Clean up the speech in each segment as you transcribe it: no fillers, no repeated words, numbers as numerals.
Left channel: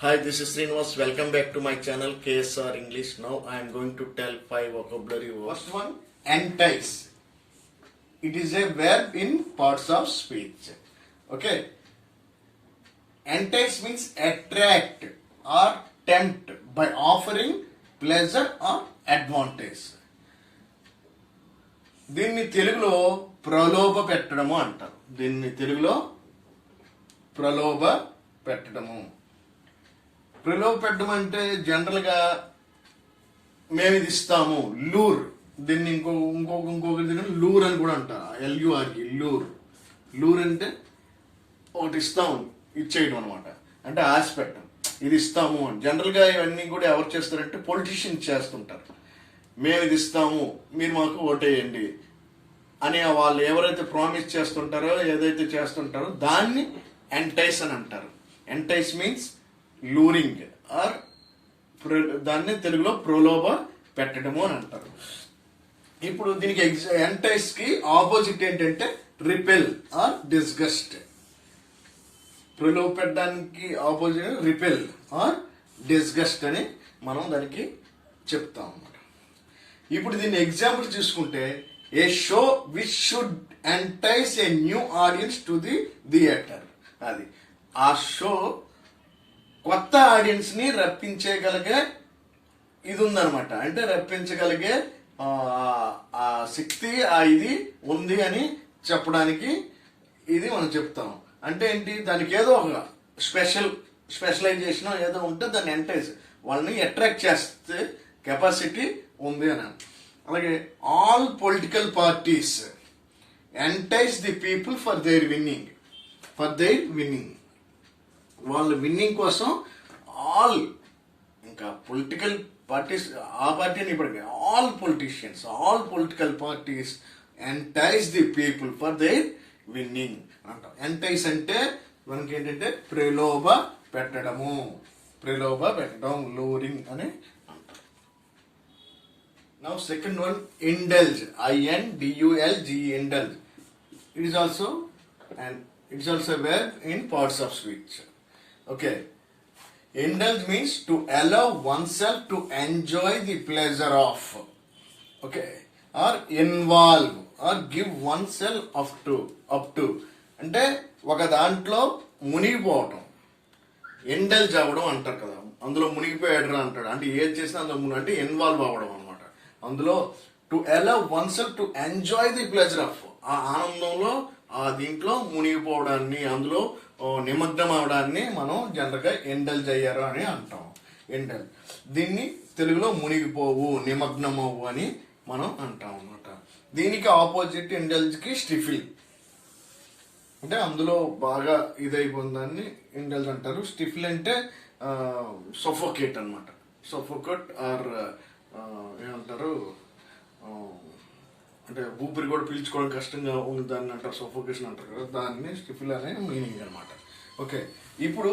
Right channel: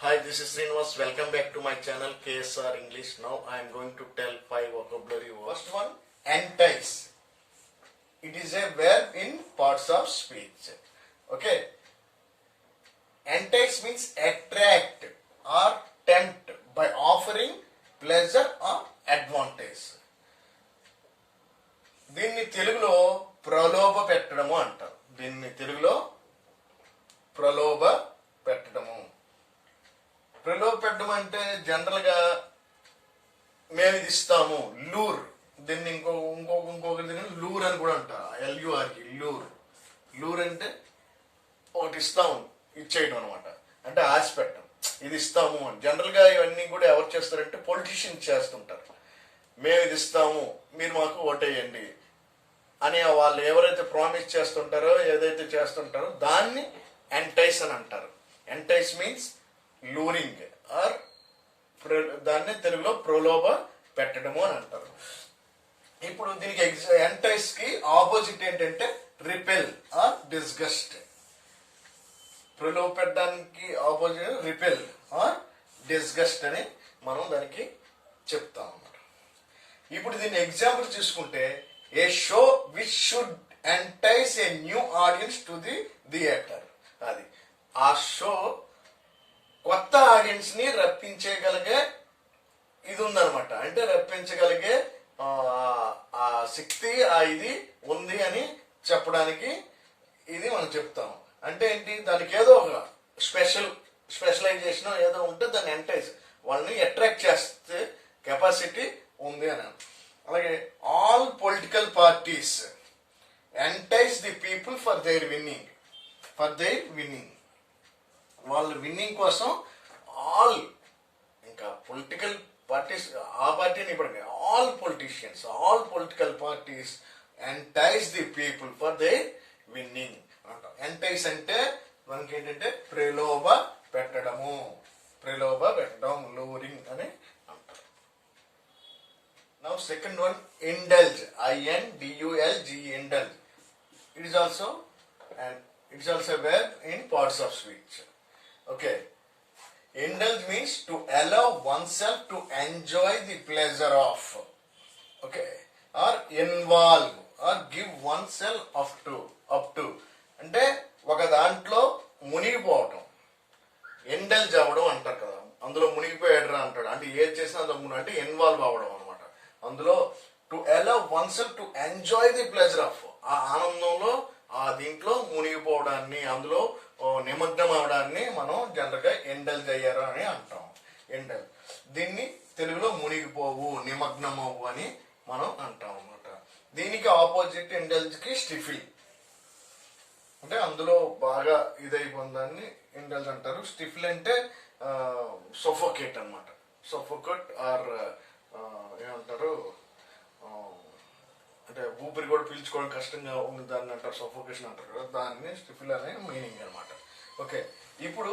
Hi, this is Srinivas. Welcome back to my channel KSR English. Now I am going to tell 5 vocabulary words. First one, entice. It is a verb in parts of speech. Okay. Entice means attract or tempt by offering pleasure or advantage. దీన్ని తెలుగులో ప్రలోభ పెట్టడము అంటారు. దీన్ని తెలుగులో ప్రలోభ పెట్టడము. ప్రలోభ పెట్టడం అంటే జనరల్గా మేము ఇది ఇస్తాము, లూర్. దీన్ని ఇంకొకటి దీన్ని లూర్ అని కూడా అంటారు. LURకి లూర్. లూర్ అంటే ఒకటి ఇస్తాము, ఇచ్చేయడం అనమాట. అంటే ఆశ పెట్టడం, ఇది ఇస్తాము అని. జనరల్గా ఇవన్నీ కూడా ఎవరు చేస్తారంటే పొలిటీషియన్స్ చేస్తుంటారు. మేము ఇది ఇస్తాము, మీరు మాకు ఓటేయండి అని వాళ్ళు ఎవరైతే ప్రామిస్ చేస్తుంటారో, ఏదైతే చేస్తుంటారో దాన్ని ఎంటైస్ అని అంటారు. ఎంటైస్ మీన్స్ లూరింగ్ ఆర్ దాన్ని తెలుగులో ప్రలోభ పెట్టడము అని అంటారు. ఇప్పుడు దీనికి ఎంటైస్ కి ఆపోజిట్ ఏంటంటే రిపెల్ ఆర్ డిస్గస్ట్. ప్రలోభ పెట్టడానికి ఆపోజిట్ రిపెల్ ఆర్ డిస్గస్ట్ అని మనం దానికి చెప్తాం అన్నమాట. ఇప్పుడు దీన్ని ఎగ్జాంపుల్ చూసుకుంటే, a show which should entice a new audience to the theatre. అది ఆ షో కొత్త ఆడియన్స్ ని రప్పించగలిగే ఇది ఉందన్నమాట. అంటే రప్పించగలిగే ఆ శక్తి ఇది ఉంది అని చెప్పడానికి ఇది మనం చెప్తాం. అంటే ఏంటి, దానికి ఏదో ఒక స్పెషలైజేషన్ ఏదో ఉంటే దాన్ని ఎంటైజ్, వాళ్ళని అట్రాక్ట్ చేస్తే కెపాసిటీ ఉంది అని. అలాగే all political parties entice the people for their winning. వాళ్ళ విన్నింగ్ కోసం ఆల్, ఇంకా పొలిటికల్ పార్టీస్, ఆ పార్టీని ఇప్పటికే all political parties entice the people for their winning అంటాం. ఎంటైజ్ అంటే మనకి ఏంటంటే ప్రలోభ పెట్టడం, లూరింగ్ అని అంటాం. Now second one, indulge. INDULGE, indulge. It is also a verb in parts of speech. Okay. Indulge means to allow oneself to enjoy the pleasure of. Okay. Or involve or give oneself up to. అంటే ఒక దాంట్లో మునిగిపోవటం, indulge అవ్వడం అంటారు కదా. అందులో మునిగిపోయాడు అంటాడు. అంటే ఏది చేసినా అందులో అంటే ఇన్వాల్వ్ అవ్వడం అనమాట. అందులో to allow one self to enjoy the pleasure of, ఆ ఆనందంలో ఆ దీంట్లో మునిగిపోవడాన్ని, అందులో నిమగ్నం అవడాన్ని మనం జనరల్గా ఇండల్జ్ అయ్యారు అని అంటాం. ఇండల్జ్. దీన్ని తెలుగులో మునిగిపోవు, నిమగ్నమవు అని మనం అంటాం అనమాట. దీనికి ఆపోజిట్ ఇండల్జ్ కి స్టిఫిల్. అంటే అందులో బాగా ఇదైపోయిందాన్ని ఇండల్జ్ అంటారు. స్టిఫిల్ అంటే సొఫోకేట్ అనమాట. సొఫోకేట్ ఆర్ ఏమంటారు, అంటే ఊపిరి కూడా పీల్చుకోవడం కష్టంగా ఉంది దాన్ని అంటారు, సఫోకేషన్ అంటారు కదా. దాన్ని స్టిఫిల్ అనే మీనింగ్ అనమాట. ఓకే. ఇప్పుడు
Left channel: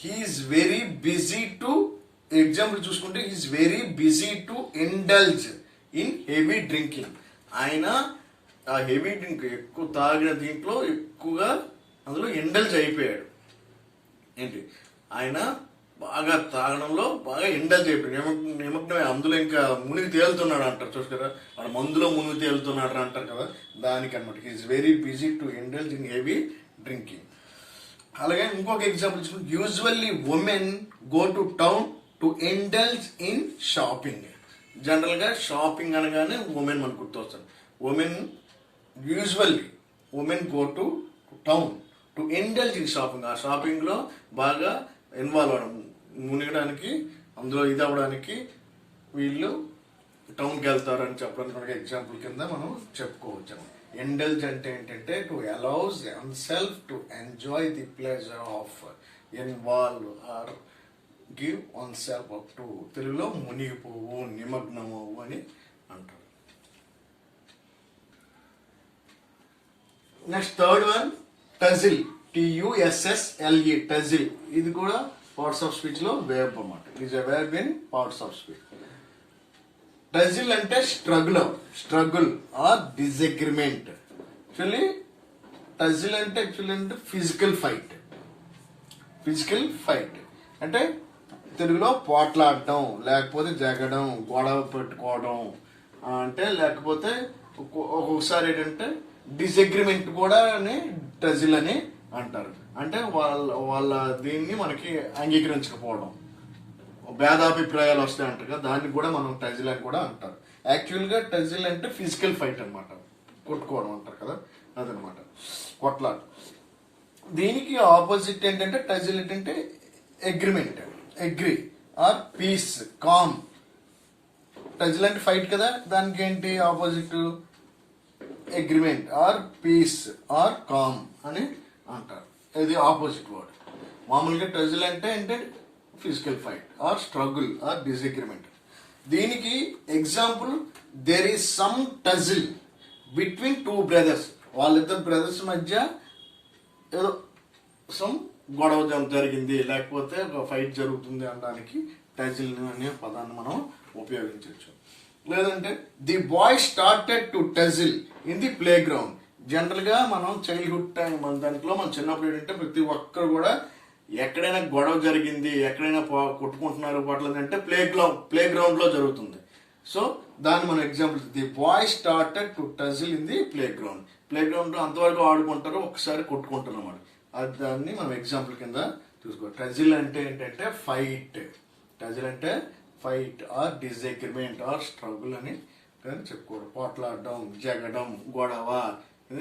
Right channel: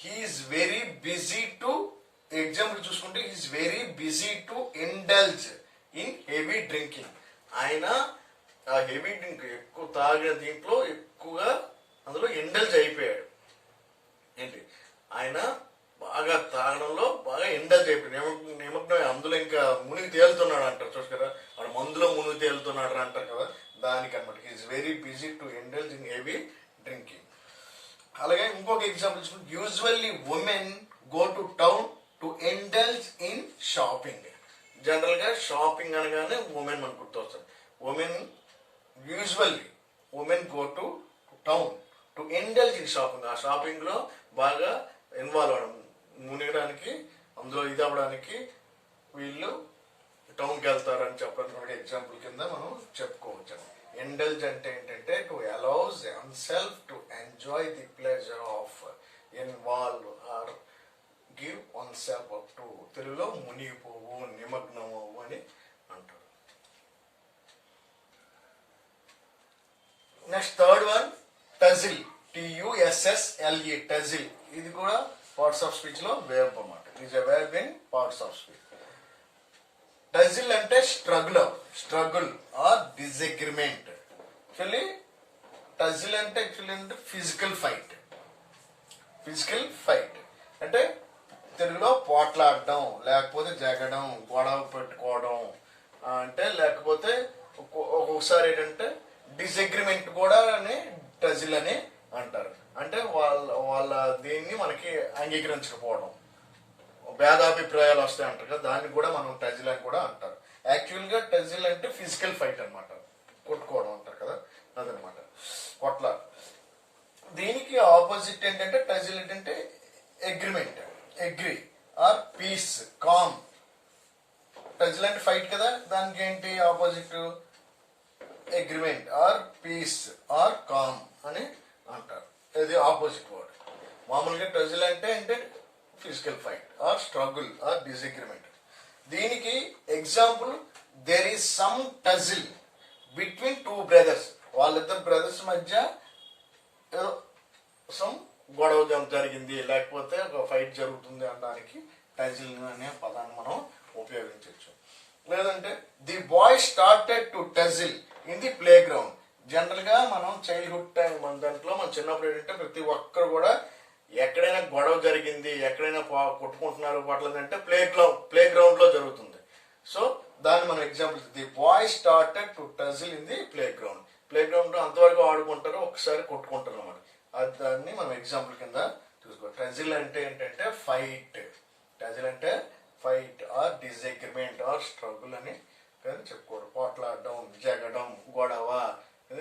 he's very busy to, example చూసుకుంటే, he's very busy to indulge in heavy drinking. ఆయన ఆ హెవీ డ్రింక్ ఎక్కువ తాగిన దీంట్లో ఎక్కువగా అందులో ఇండల్జ్ అయిపోయాడు. ఏంటి, ఆయన బాగా తాగడంలో బాగా ఇండల్జ్ అయిపోయాడు, నిమగ్నమే. అందులో ఇంకా మునిగి తేలుతున్నాడు అంటారు చూసారా, వాడు మందులో మునిగి తేలుతున్నాడు అంటారు కదా, దానికి అనమాట. He's very busy to indulge in heavy drinking. అలాగే ఇంకొక ఎగ్జాంపుల్ చూసుకుంటే, usually women go to town to indulge in shopping. General గా షాపింగ్ అనగానే ఉమెన్ మనకు గుర్తొస్తాడు. Usually women go to town to indulge in shopping. ఆ షాపింగ్ లో బాగా ఇన్వాల్వ్ అవడం, మునిగడానికి, అందులో ఇది అవ్వడానికి వీళ్ళు టౌన్కి వెళ్తారని చెప్పడానికి ఎగ్జాంపుల్ కింద మనం చెప్పుకోవచ్చు. ఇండల్జ్ అంటే ఏంటంటే to allows oneself to enjoy the pleasure of, involve or give oneself up to. తెలుగులో మునిగిపోవు, నిమగ్నమవు అని అంటారు. Next third one, tussle. TUSSLE, tussle. ఇది కూడా పార్ట్స్ ఆఫ్ స్పీచ్ లో verb అన్నమాట. It is a verb in parts of speech. Tussle అంటే స్ట్రగుల్ ఆర్ డిసగ్రిమెంట్. టజిల్ అంటే ఫిజికల్ ఫైట్. అంటే తెలుగులో పోట్లాడడం, లేకపోతే జగడం, గొడవ పెట్టుకోవడం, అంటే లేకపోతే ఒక్కొక్కసారి ఏంటంటే డిసగ్రిమెంట్ కూడా అని టజిల్ అని అంటారు. అంటే వాళ్ళ దీన్ని మనకి అంగీకరించకపోవడం, భేదాభిప్రాయాలు వస్తాయి అంటారు కదా, దానికి కూడా మనం టజిల్ అని కూడా అంటారు. యాక్చువల్గా టజిల్ అంటే ఫిజికల్ ఫైట్ అనమాట, కొట్టుకోవడం అంటారు కదా, అదనమాట కొట్లాట. దీనికి ఆపోజిట్ ఏంటంటే టజిల్ ఏంటంటే agreement, agree or peace, calm. Tussle అంటే ఫైట్ కదా, దానికి ఏంటి opposite agreement or peace or calm అని అంటారు. ఇది ఆపోజిట్ వర్డ్. మామూలుగా టజిల్ అంటే physical fight or struggle or disagreement. దీనికి example, there is some tussle between two brothers. వాళ్ళిద్దరు బ్రదర్స్ మధ్య ఏదో సమ్ గొడవ జరిగింది, లేకపోతే ఒక ఫైట్ జరుగుతుంది అనడానికి టజిల్ అనే పదాన్ని మనం ఉపయోగించవచ్చు. లేదంటే the bye started to టజిల్ in the play ground. General గా మనం చైల్డ్హుడ్ టైం, మన దాంట్లో మనం చిన్నప్పుడు ఏంటంటే ప్రతి ఒక్కరు కూడా ఎక్కడైనా గొడవ జరిగింది, ఎక్కడైనా కొట్టుకుంటున్నారు పట్లేదు అంటే ప్లే గ్రౌండ్ లో జరుగుతుంది. సో దాన్ని మనం example, the bye started to టజిల్ in the play ground. Play ground లో అంతవరకు ఆడుకుంటారు, ఒకసారి కొట్టుకుంటారు అన్నమాట. అది దాన్ని మనం ఎగ్జాంపుల్ కింద చూసుకోవాలి. టజిల్ అంటే ఏంటంటే ఫైట్. టజిల్ అంటే fight or disagreement or struggle అని చెప్పుకోవడం. పోట్లాడడం, జగడం, గొడవ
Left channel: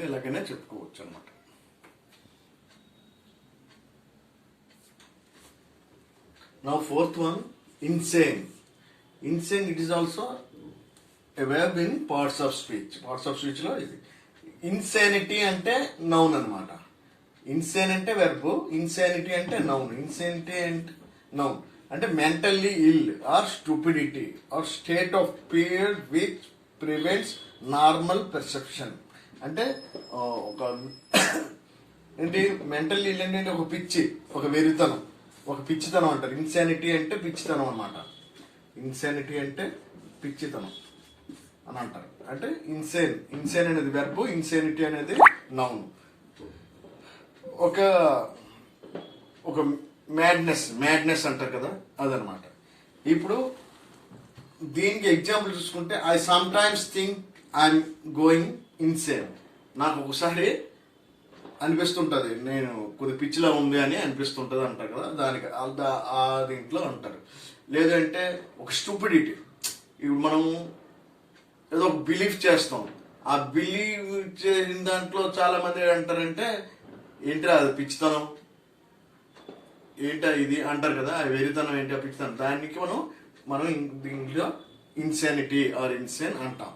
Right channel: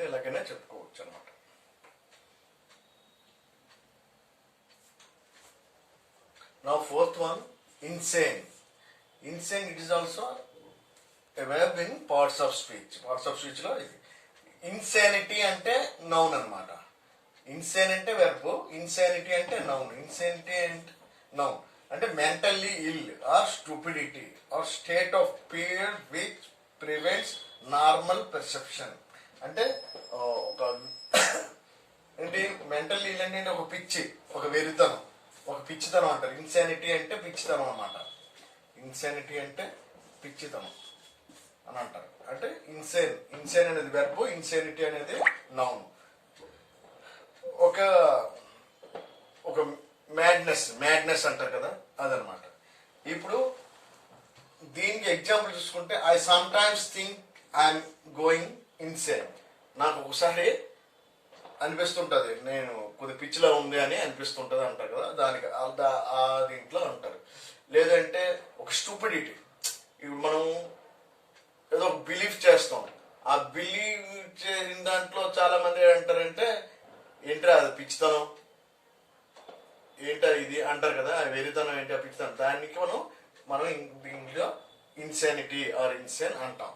ఇలాగనే చెప్పుకోవచ్చు అనమాట. Now fourth one, insane. Insane, it is also a verb in parts of speech. Parts of speech లో ఇది ఇన్సానిటీ అంటే నౌన్ అన్నమాట. ఇన్సేన్ అంటే వెర్బ్, ఇన్సానిటీ అంటే నౌన్. ఇన్సానిటీ అంటే నౌన్ అంటే mentally ill or stupidity or state of period which prevents normal perception. అంటే ఒక ఏంటి మెంటల్లీ ఇల్ అంటే ఒక పిచ్చి, ఒక వెరితనం, ఒక పిచ్చితనం అంటారు. ఇన్సానిటీ అంటే పిచ్చితనం అన్నమాట. ఇన్సానిటీ అంటే పిచ్చితనం అని అంటారు. అంటే ఇన్సేన్ అనేది వెర్బ్, ఇన్సానిటీ అనేది నౌన్. ఒక మ్యాడ్నెస్ అంటారు కదా, అదనమాట. ఇప్పుడు దీనికి ఎగ్జాంపుల్ చూసుకుంటే, I some times think I'm going insane. నాకు ఒకసారి అనిపిస్తుంటది నేను కొద్ది పిచ్చిలా ఉంది అని అనిపిస్తుంటది అంటారు కదా, దానికి ఆ దీంట్లో అంటారు. లేదంటే ఒక స్టూపిడిటీ, ఇప్పుడు మనం ఏదో ఒక బిలీఫ్ చేస్తాం, ఆ బిలీవ్ చేసిన దాంట్లో చాలా మంది అంటారంటే ఏంటి అది పిచ్చితనం, ఏంటో ఇది అంటారు కదా, ఆ వెరితనం ఏంటి, ఆ పిచ్చితనం. దానికి మనం దీంట్లో ఇన్సానిటీ ఆర్ ఇన్సేన్ అంటాం.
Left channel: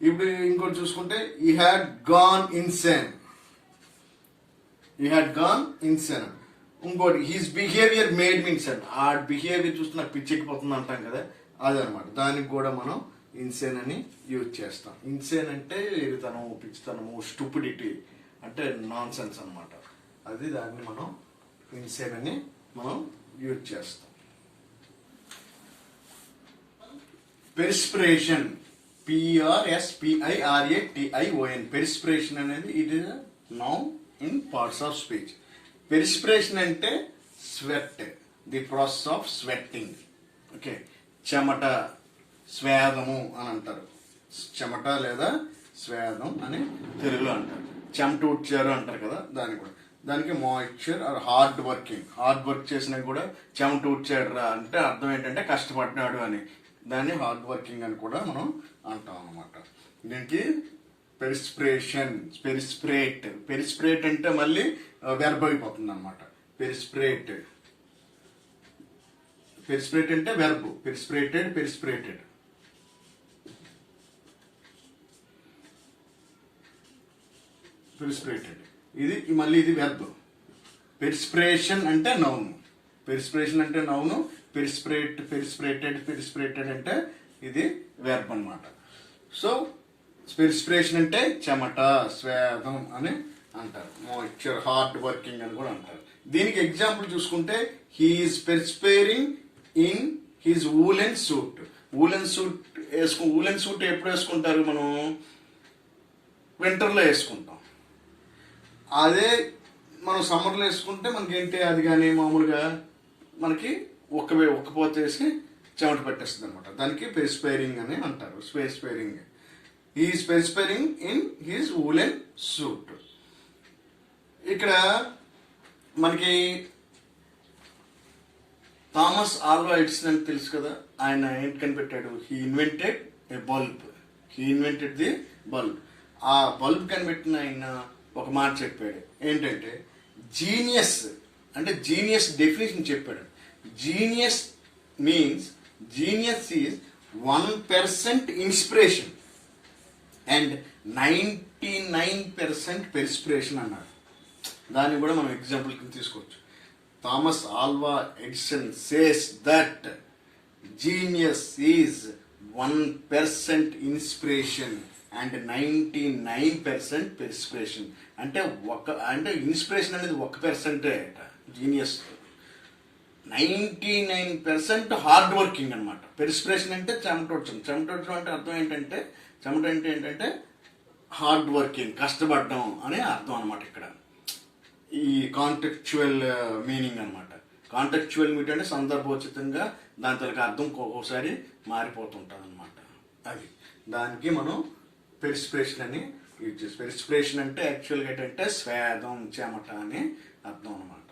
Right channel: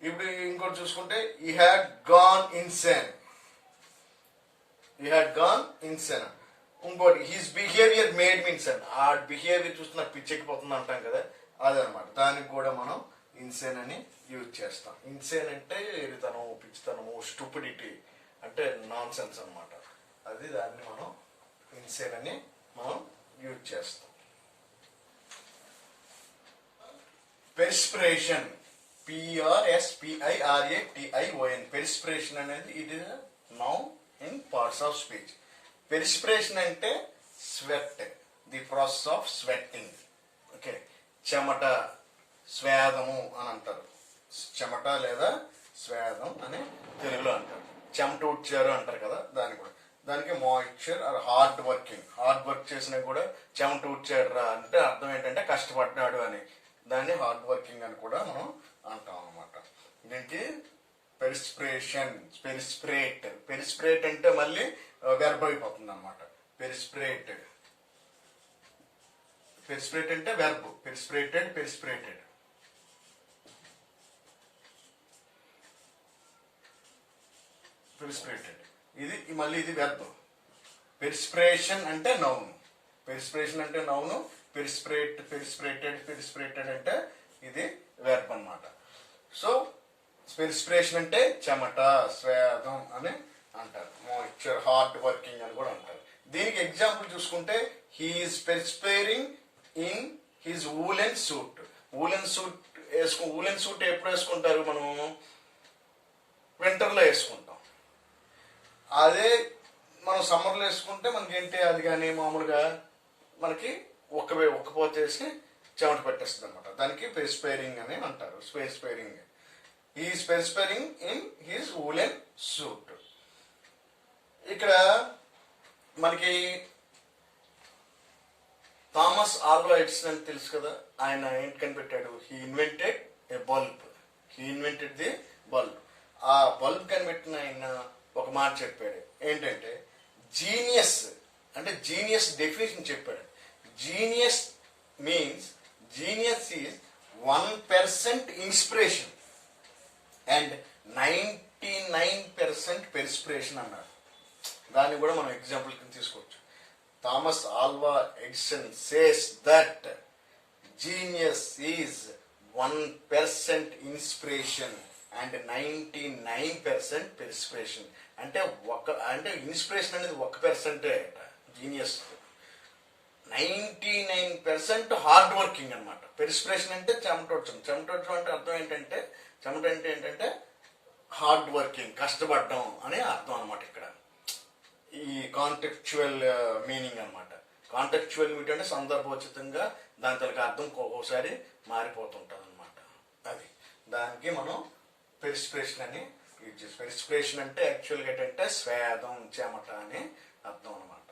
ఇప్పుడు ఇంకోటి చూసుకుంటే, ఈ హ్యాడ్ గాన్ ఇన్సేన్. ఇంకోటి his behaviour made me insane. ఆ బిహేవియర్ చూస్తే నాకు పిచ్చెక్కిపోతుంది అంటాం కదా, అదనమాట. దానికి కూడా మనం ఇన్సేన్ అని యూజ్ చేస్తాం. ఇన్సేన్ అంటే ఎరితనం, పిచ్చితనము, స్టూపిడిటీ అంటే నాన్ సెన్స్ అనమాట. అది దాన్ని మనం ఇన్సేన్ అని మనం యూజ్ చేస్తాం. Perspiration, PRSPIRATION. పెర్స్పిరేషన్ అనేది it is noun in parts of speech. Perspiration అంటే sweat, the process of sweating. Okay, చెమట, స్వేదము అని అంటారు. చెమట లేదా స్వేదం అని తెలుగులో అంటారు. చెమట ఊడ్చారు అంటారు కదా, దానికి మాయిశ్చర్ ఆర్ హార్డ్ వర్క్ చేసినా కూడా చెమట ఊడ్చాడు రా అంటే అర్థం ఏంటంటే కష్టపడినాడు అని. దాన్ని హార్డ్ వర్కింగ్ అని కూడా మనం అంటాం అనమాట. దీనికి పెరిస్పిరేట్ అంటే మళ్ళీ వెర్బ్ అయిపోతుంది అనమాట. పెరిస్పిరేట్ అంటే వెర్బ్, పెరిస్పిరేటెడ్. ఇది మళ్ళీ ఇది వెర్బ్. పెరిస్పిరేషన్ అంటే నౌన్, పెరిస్పిరేటెడ్ అంటే ఇది వెర్బ్ అన్నమాట. సో పెరిస్పిరేషన్ అంటే చెమట, స్వేదం అని అంటారు. మాయిశ్చర్, హార్డ్ వర్కింగ్ అని కూడా అంటారు. దీనికి ఎగ్జాంపుల్ చూసుకుంటే, he is perspiring in his woollen suit. Woollen suit ఎప్పుడు వేసుకుంటారు మనం? వింటర్లో వేసుకుంటాం. అదే మనం సమ్మర్లో వేసుకుంటే మనకేంటి అది కానీ మామూలుగా మనకి ఒక్కపోతేసి చెమట పట్టేస్తుంది అనమాట. దానికి పెరిస్పైరింగ్ అని అంటారు. Perspiring is perspiring in his woollen suit. ఇక్కడ మనకి థామస్ ఆల్వా ఎడిసన్ అని తెలుసు కదా, ఆయన ఏంటి కనిపెట్టాడు? He invented a bulb. He invented the bulb. ఆ బల్బ్ కనిపెట్టిన ఆయన ఒక మాట చెప్పాడు, ఏంటంటే జీనియస్ అంటే జీనియస్ డెఫినేషన్ చెప్పాడు. Genius means genius is 1% inspiration and 99% perspiration అన్నారు. దాన్ని కూడా మనం ఎగ్జాంపుల్ కింద తీసుకోవచ్చు. Thomas Alva Edison says that genius is 1% inspiration and 99% perspiration. అంటే ఇన్స్పిరేషన్ అనేది 1%. జీనియస్ 99% హార్డ్ వర్కింగ్ అనమాట. పెర్స్పిరేషన్ అంటే చెమటోడ్చం అంటే అర్థం ఏంటంటే చెమట అంటే ఏంటంటే హార్డ్ వర్కింగ్, కష్టపడడం అనే అర్థం అనమాట. ఇక్కడ ఈ కాంటెక్చువల్ మీనింగ్ అనమాట. కాంటెక్చువల్ మీనింగ్ అంటే సందర్భోచితంగా దాని తలకి అర్థం ఒక్కొక్కసారి మారిపోతుంటుంది అనమాట. అది దానికి మనం పెర్స్పిరేషన్ అని యూజ్ చేస్తాం. పెర్స్పిరేషన్ అంటే యాక్చువల్గా ఏంటంటే స్వేదం, చెమట అని అర్థం అనమాట.